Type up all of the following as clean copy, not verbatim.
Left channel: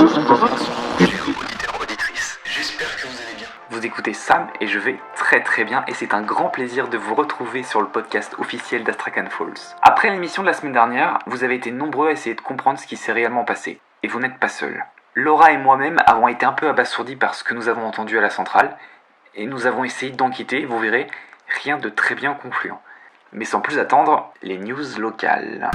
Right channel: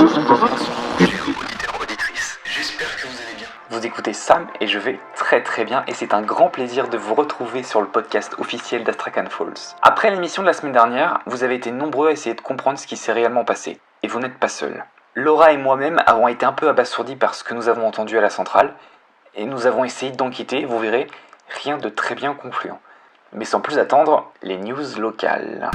Auditeurs, auditrices, j'espère que vous allez bien. Vous écoutez Sam et je vais très très bien et c'est un grand plaisir de vous retrouver sur le podcast officiel d'Astrakhan Falls. Après l'émission de la semaine dernière, vous avez été nombreux à essayer de comprendre ce qui s'est réellement passé. Et vous n'êtes pas seuls. Laura et moi-même avons été un peu abasourdis par ce que nous avons entendu à la centrale et nous avons essayé d'enquêter, vous verrez, rien de très bien concluant. Mais sans plus attendre, les news locales.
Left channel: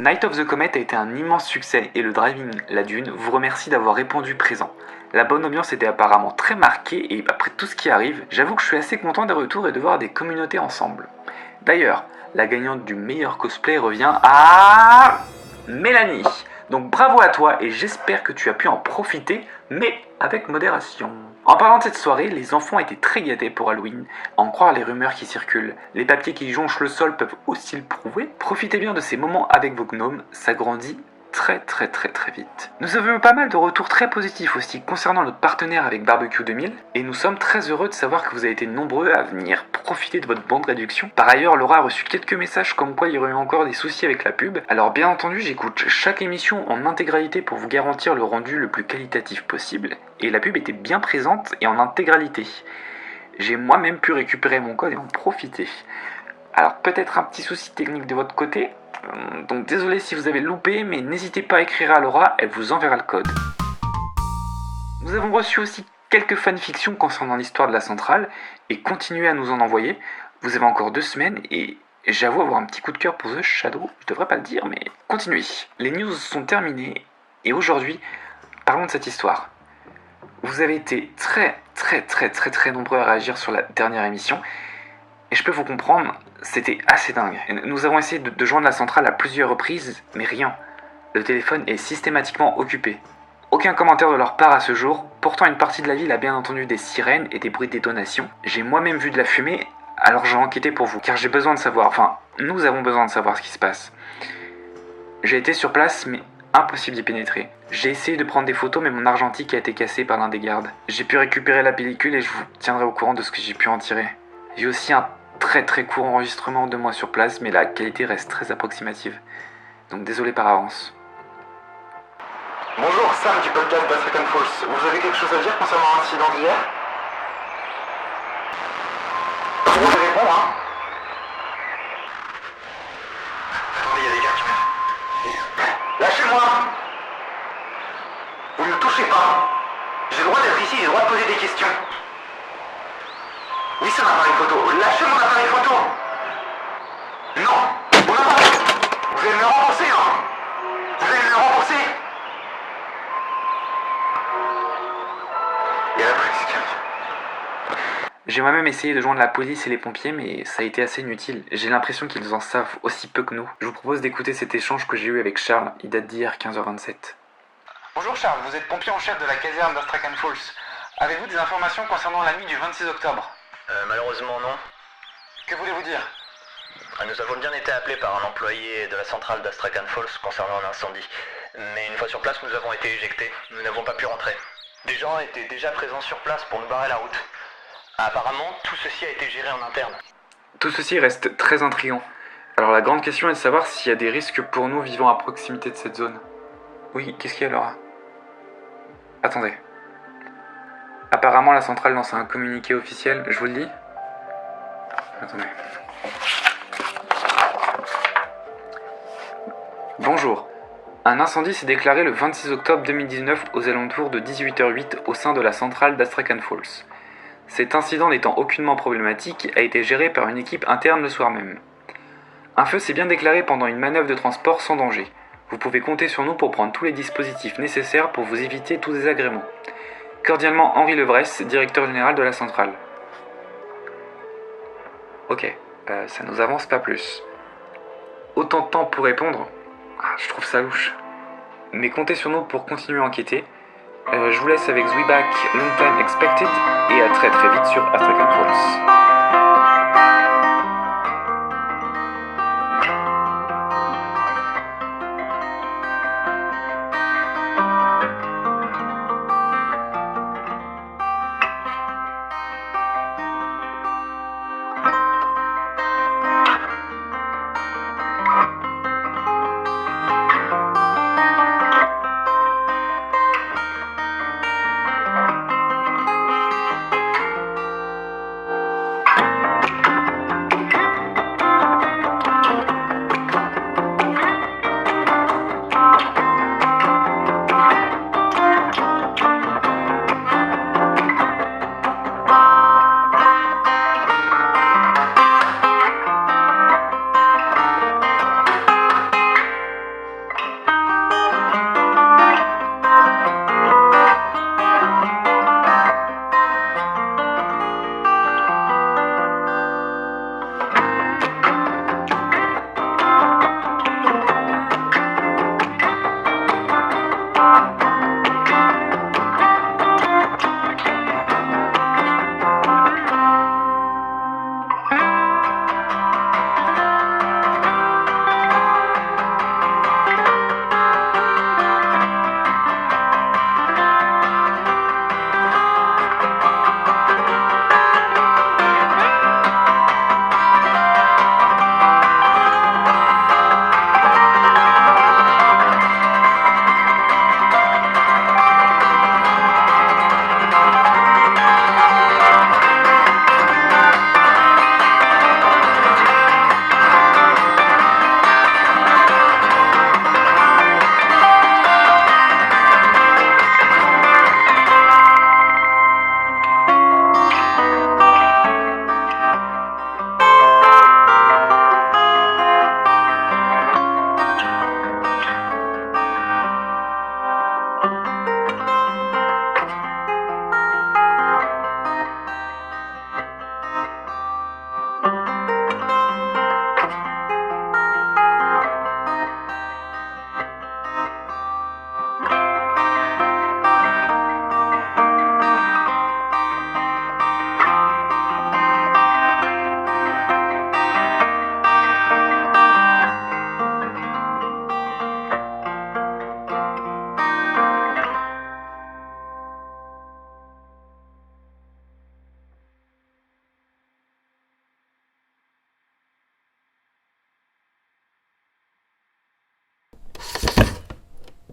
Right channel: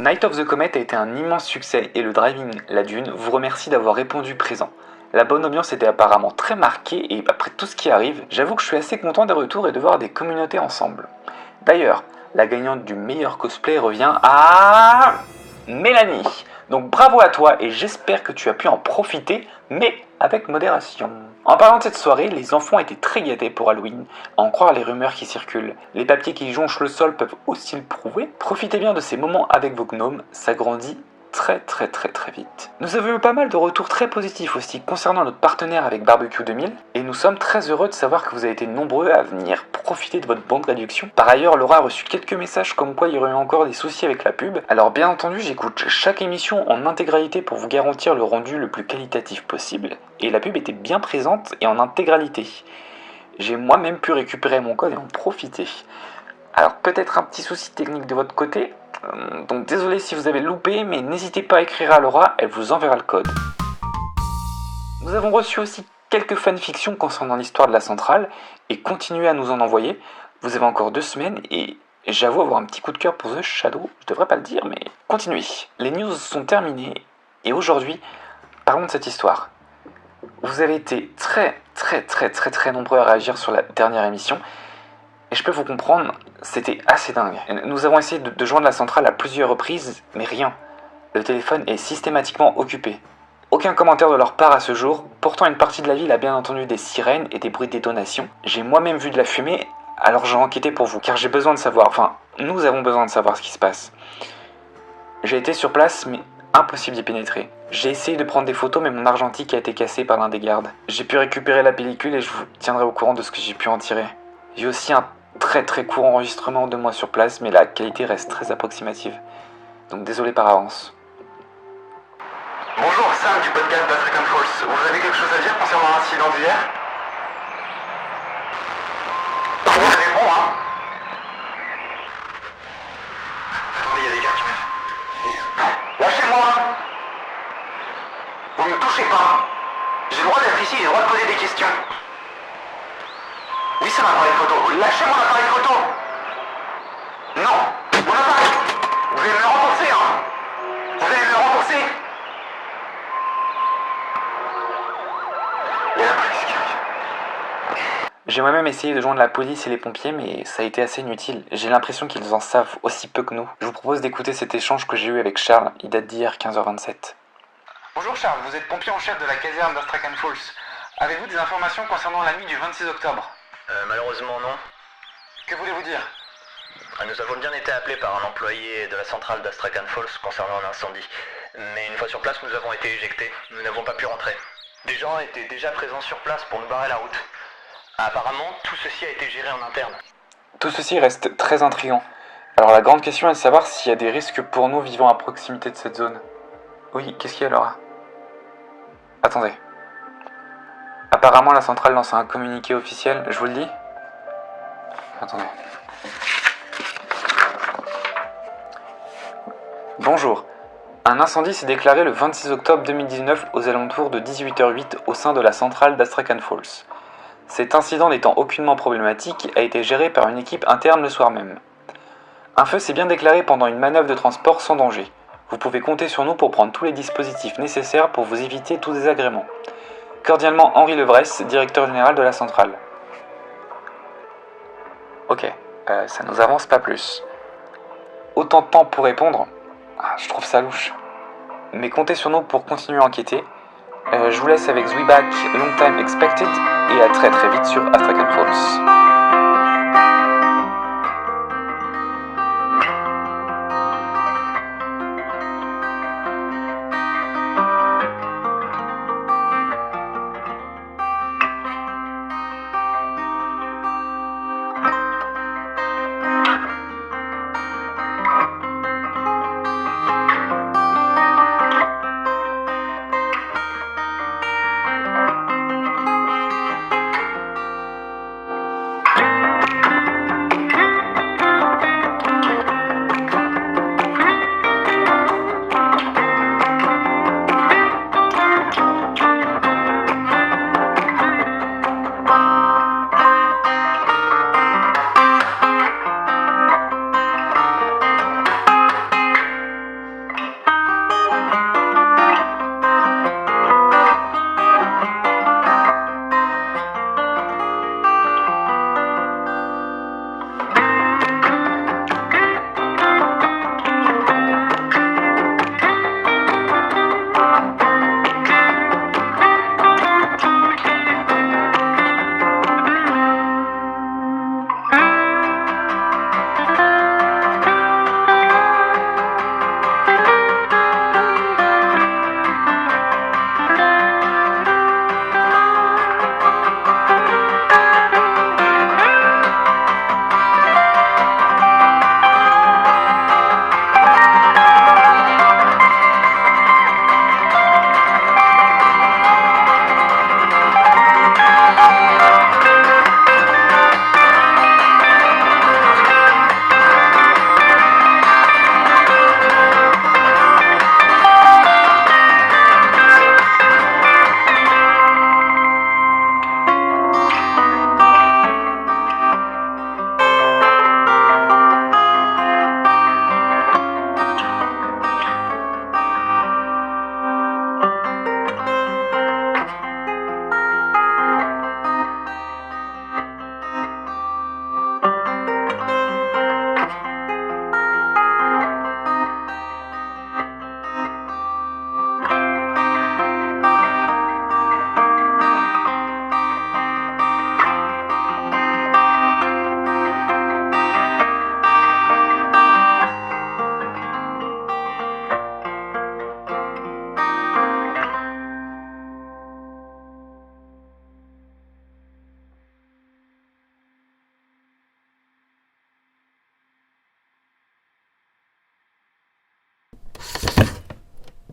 Night of the Comet a été un immense succès et le Driving La Dune vous remercie d'avoir répondu présent. La bonne ambiance était apparemment très marquée et après tout ce qui arrive, j'avoue que je suis assez content des retours et de voir des communautés ensemble. D'ailleurs, la gagnante du meilleur cosplay revient à Mélanie. Donc bravo à toi et j'espère que tu as pu en profiter, mais avec modération. En parlant de cette soirée, les enfants étaient très gâtés pour Halloween, à en croire les rumeurs qui circulent. Les papiers qui jonchent le sol peuvent aussi le prouver. Profitez bien de ces moments avec vos gnomes, ça grandit très vite. Nous avons eu pas mal de retours très positifs aussi concernant notre partenaire avec Barbecue 2000 et nous sommes très heureux de savoir que vous avez été nombreux à venir profiter de votre bonne réduction. Par ailleurs, Laura a reçu quelques messages comme quoi il y aurait eu encore des soucis avec la pub. Alors bien entendu, j'écoute chaque émission en intégralité pour vous garantir le rendu le plus qualitatif possible et la pub était bien présente et en intégralité. J'ai moi-même pu récupérer mon code et en profiter. Alors peut-être un petit souci technique de votre côté, donc désolé si vous avez loupé, mais n'hésitez pas à écrire à Laura, elle vous enverra le code. Nous avons reçu aussi quelques fanfictions concernant l'histoire de la centrale, et continuez à nous en envoyer. Vous avez encore 2 semaines, et j'avoue avoir un petit coup de cœur pour The Shadow, je devrais pas le dire, mais continuez. Les news sont terminées, et aujourd'hui, parlons de cette histoire. Vous avez été très nombreux à réagir sur la dernière émission, et je peux vous comprendre, c'était assez dingue. Nous avons essayé de joindre la centrale à plusieurs reprises, mais rien. Le téléphone est systématiquement occupé. Aucun commentaire de leur part à ce jour, pourtant une partie de la ville a bien entendu des sirènes et des bruits de détonation. J'ai moi-même vu de la fumée, alors j'ai enquêté pour vous, car j'ai besoin de savoir, nous avons besoin de savoir ce qui se passe. J'ai été sur place, mais impossible d'y pénétrer. J'ai essayé de prendre des photos, mais mon argentique a été cassé par l'un des gardes. J'ai pu récupérer la pellicule et je vous tiendrai au courant de ce que j'ai pu en tirer. J'ai aussi un très court enregistrement de moi sur place, mais la qualité reste très approximative. Donc désolé par avance. Bonjour, Sam du podcast d'Astrakhan Falls. Vous avez quelque chose à dire concernant l'incident d'hier? Vous allez répondre, hein? Attendez, il y a des gars qui m'aident. Lâchez-moi! Vous ne me touchez pas! J'ai le droit d'être ici, j'ai le droit de poser des questions. Laissez mon appareil photo. Lâchez mon appareil photo. Non. Mon appareil. Vous allez me le rembourser, hein. Vous allez me le rembourser. Il y a la police qui arrive. J'ai moi-même essayé de joindre la police et les pompiers, mais ça a été assez inutile. J'ai l'impression qu'ils en savent aussi peu que nous. Je vous propose d'écouter cet échange que j'ai eu avec Charles. Il date d'hier, 15h27. Bonjour Charles, vous êtes pompier en chef de la caserne d'Astrakhan Falls. Avez-vous des informations concernant la nuit du 26 octobre? Malheureusement non. Que voulez-vous dire? Nous avons bien été appelés par un employé de la centrale d'Astrakhan Falls concernant un incendie. Mais une fois sur place, nous avons été éjectés. Nous n'avons pas pu rentrer. Des gens étaient déjà présents sur place pour nous barrer la route. Apparemment, tout ceci a été géré en interne. Tout ceci reste très intriguant. Alors la grande question est de savoir s'il y a des risques pour nous vivant à proximité de cette zone. Oui, qu'est-ce qu'il y a Laura? Attendez. Apparemment la centrale lance un communiqué officiel, je vous le dis. Attendez. Bonjour. Un incendie s'est déclaré le 26 octobre 2019 aux alentours de 18h08 au sein de la centrale d'Astrakhan Falls. Cet incident n'étant aucunement problématique a été géré par une équipe interne le soir même. Un feu s'est bien déclaré pendant une manœuvre de transport sans danger. Vous pouvez compter sur nous pour prendre tous les dispositifs nécessaires pour vous éviter tout désagrément. Cordialement Henri Levresse, directeur général de la centrale. Ok, ça nous avance pas plus. Autant de temps pour répondre, je trouve ça louche. Mais comptez sur nous pour continuer à enquêter. Je vous laisse avec Zweback Long Time Expected et à très vite sur Astrakhan Falls.